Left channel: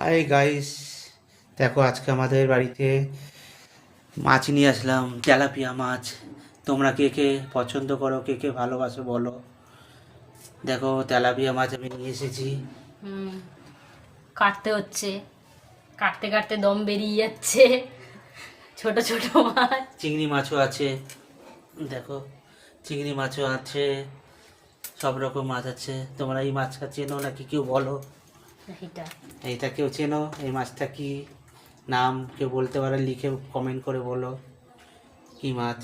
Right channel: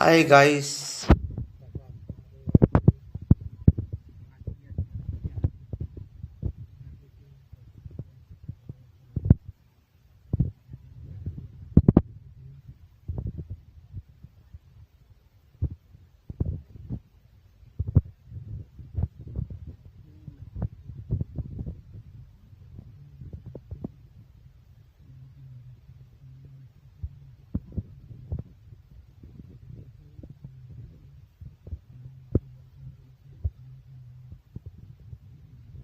Hi guys, দেখো আজকে আমাদের বাড়িতে মাছ নিয়ে আসলাম, তেলাপিয়া মাছ। তোমরা কে কে পছন্দ করো, কে কে ভালোবাসো বলো। দেখো তেলাপিয়া মাছ আমি নিয়ে এসেছি। হুম, কাটতে হচ্ছে। কাটতে কাটতে দম বেরিয়ে যাচ্ছে। ছোট ছোট মাছ। চিংড়ি মাছও আছে, দেখো চিংড়ি মাছও আছে, সব রকম মাছ আছে। তোমরা এই মাছটা চেনো নাকি কেউ বলো। এটা এইটা কেউ চেনো? এই মাছটা কি নাম কেউ বলতে পারে? লিখে কমেন্ট করে বলো কি মাছ।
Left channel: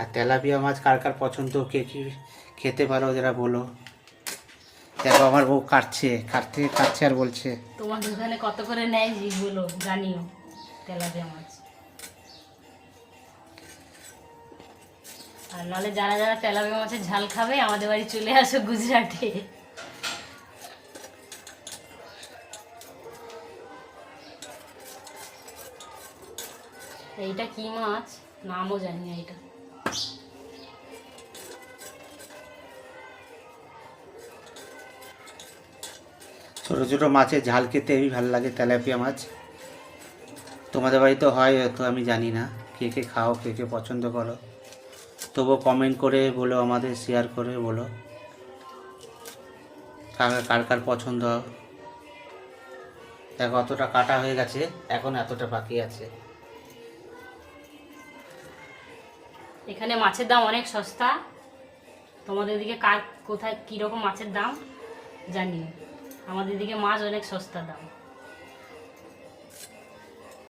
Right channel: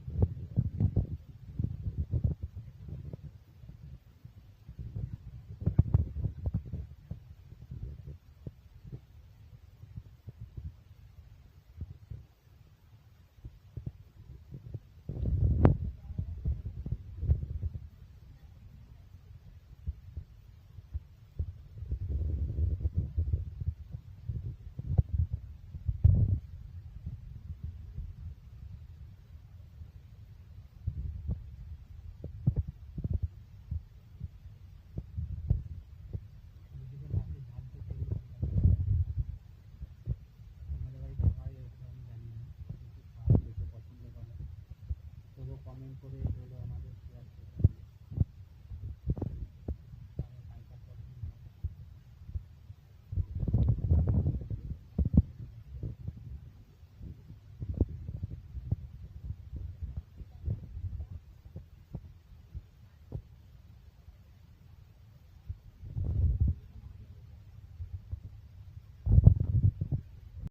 আর তেলাপিয়া মাছ কার কার পছন্দ, কে কি খেতে পারো যারা বলো। দেখো আমার বউ কাটছে কাটতে কাটছে আর বলছে। তোমাদের ওখানে কত করে নেয় যেগুলো জানিও। তেলাপিয়া মাছ। আর নাহলে যারা যারা তেলাপিয়া মাছের ঝাল খাবে আমাদের বাড়ি চলে আসো গুজরাটে। এইটা কি মাছ নামও জানি না এটা। ছোটো ছোটো মাছের ঝাল খেতে হেবি ভালো লাগে তেলাপিয়া মাছ। তোমাদের বাড়িতে হয় তো আমি জানি না, কে কে খাও, কে কে পছন্দ করো। তবুও কমেন্ট করে বলো, আমাদের শেয়ার করে বলো কার কার কার পছন্দ। দেখো অতটা কাটা হয়ে গেছে, এখন এতটা বাকি আছে। এখানে মাছের দাম অনেক সস্তা। তোমাদের দিকে কার কোথায় কীরকম মাছের দাম জানিও। আমাদের দিকে মাছ অনেক সস্তা দাম।